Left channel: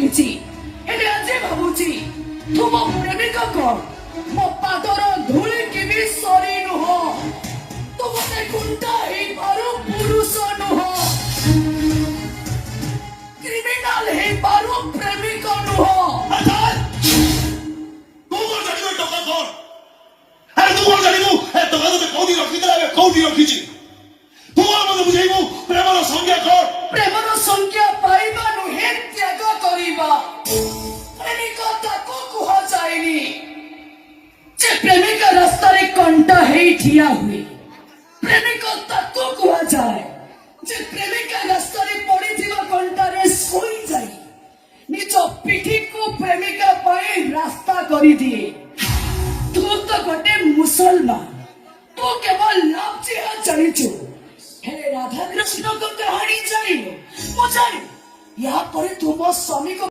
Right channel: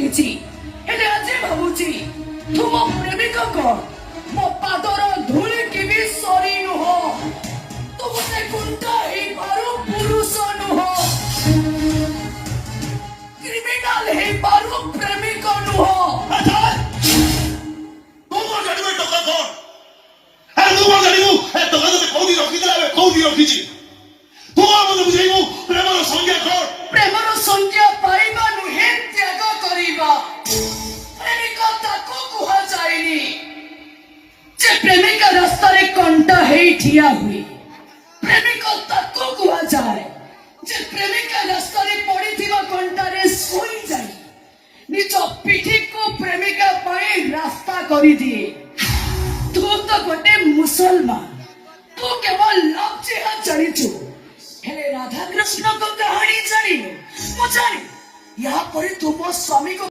हेले आज भावुची तुम प्रेमिक कौन मो पादर धूली की भी सरी नुह तुमने कुंता ही पारो पुरुष नुह क्रिमिनल ही पारो प्रेमिक नुह प्रेमर संज्ञा पाइबा नुहे त्याग करिबा प्रेमिक ताको कुहा जाएनी जे प्रेमिक रास्ता रे कंटा हेई ठिया हुए प्रेमिक ताको कुहा जाए जे प्रेमिक रास्ता रे पड़ी थिबा कंटा रे सोई जाए निज पिठी को प्रेमिका पाई रास्ता करी दिए तू तो गोटे मुसलमान तू केवल लाभ जेहा जानिଛୁ हेले राधा कृष्ण को कहानी जानी मुझे यहाँ पर तुम स्वामी को